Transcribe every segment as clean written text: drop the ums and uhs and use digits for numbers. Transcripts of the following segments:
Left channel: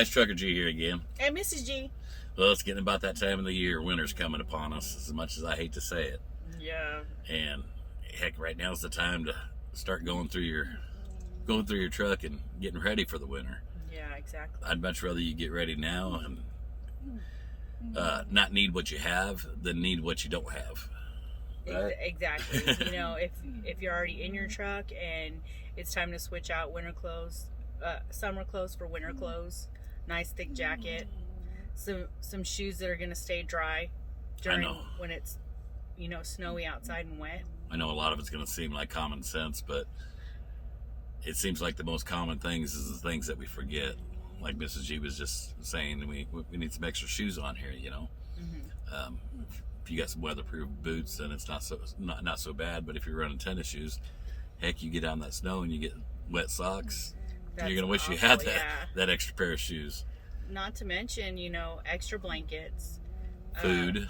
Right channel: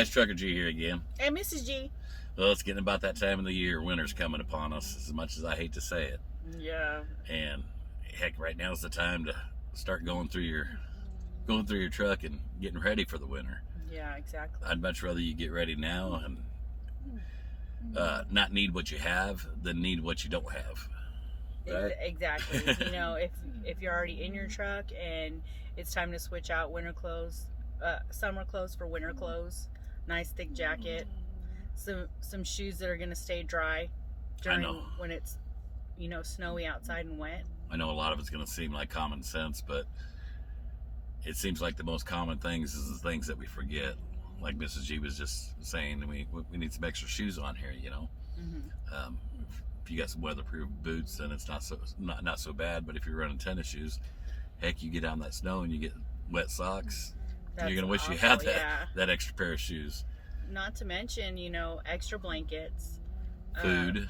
guys, Trucker G here again. Hey, Mrs. G. Well, it's getting about that time of the year. Winter's coming upon us, as much as I hate to say it. Yeah. And heck, right now is the time to start going through your truck and getting ready for the winter. Yeah, exactly. I'd much rather you get ready now and not need what you have than need what you don't have. Right? Exactly. You know, if you're already in your truck and it's time to switch out winter clothes, summer clothes for winter clothes, nice thick jacket, some shoes that are going to stay dry during when it's, snowy outside and wet. I know a lot of it's going to seem like common sense, but it seems like the most common things is the things that we forget. Like Mrs. G was just saying, we need some extra shoes on here, Mm-hmm. If you got some weatherproof boots, then it's not so bad. But if you're running tennis shoes, heck, you get out in that snow and you get wet socks. You're gonna wish you had that extra pair of shoes. Not to mention, extra blankets, food.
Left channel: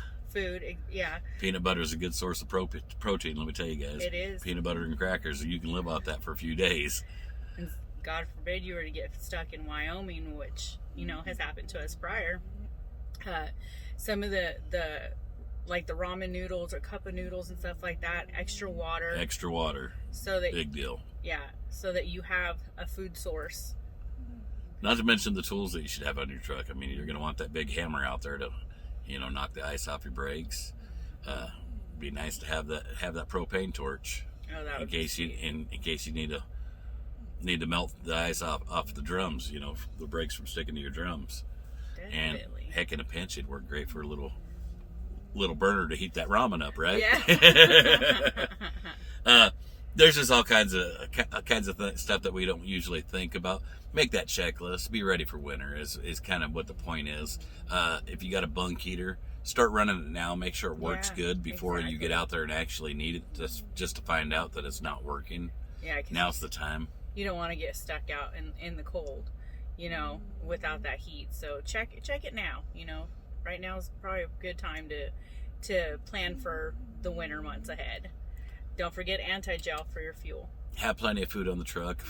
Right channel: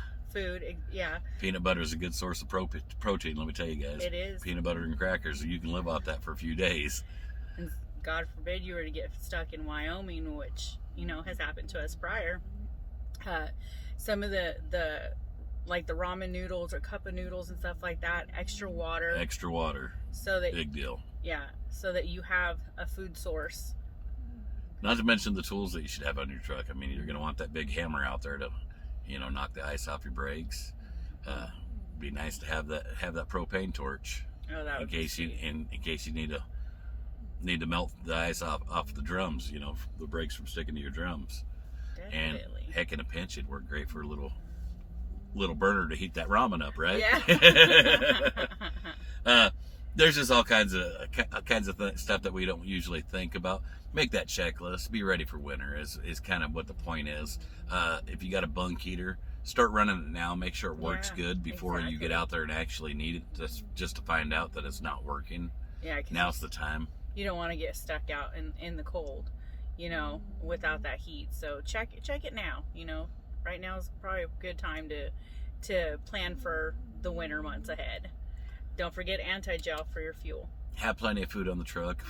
Yeah. Peanut butter is a good source of protein. Let me tell you guys, it is. Peanut butter and crackers, you can live off that for a few days. And God forbid you were to get stuck in Wyoming, which has happened to us prior. Some of the like the ramen noodles or cup of noodles and stuff like that, extra water, so that big deal. Yeah, so that you have a food source. Not to mention the tools that you should have on your truck. I mean, you're going to want that big hammer out there to knock the ice off your brakes. Be nice to have that propane torch. Oh, that would in case you need to melt the ice off the drums, the brakes from sticking to your drums. Definitely. And heck, in a pinch, it'd work great for a little burner to heat that ramen up, right? Yeah. There's just all kinds of stuff that we don't usually think about. Make that checklist. Be ready for winter is kind of what the point is. If you got a bunk heater, start running it now. Make sure it works good before you get out there and actually need it, just to find out that it's not working. Yeah. Now's the time. You don't want to get stuck out in the cold, without that heat. So check it now. Right now is probably a good time to plan for the winter months ahead. Don't forget anti-gel for your fuel. Have plenty of food on the truck,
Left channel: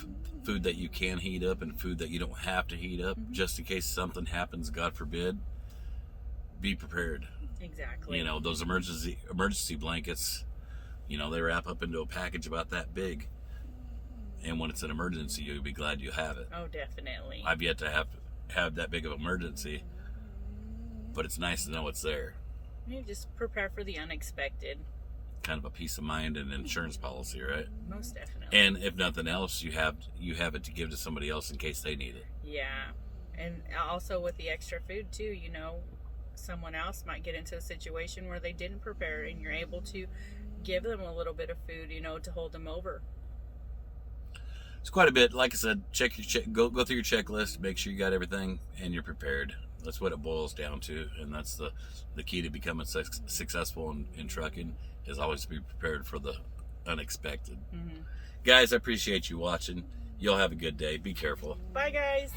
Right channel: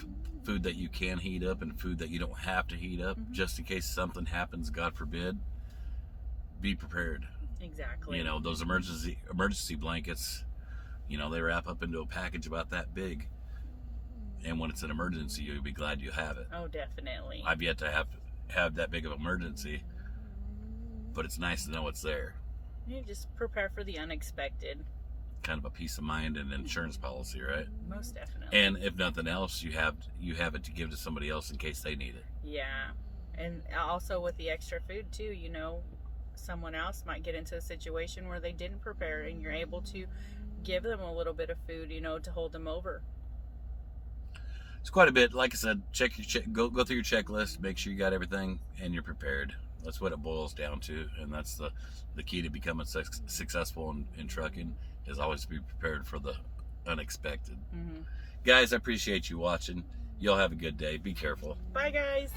food that you can heat up and food that you don't have to heat up, just in case something happens, God forbid. Be prepared. Exactly. Those emergency blankets, they wrap up into a package about that big. And when it's an emergency, you'll be glad you have it. Oh, definitely. I've yet to have that big of an emergency, but it's nice to know it's there. You just prepare for the unexpected. Kind of a peace of mind and insurance policy, right? Most definitely. And if nothing else, you have it to give to somebody else in case they need it. Yeah. And also with the extra food too, someone else might get into a situation where they didn't prepare and you're able to give them a little bit of food, to hold them over. It's quite a bit. Like I said, go through your checklist, make sure you got everything and you're prepared. That's what it boils down to, and that's the key to becoming successful in trucking, is always be prepared for the unexpected. Mm-hmm. Guys, I appreciate you watching. Y'all have a good day. Be careful. Bye, guys.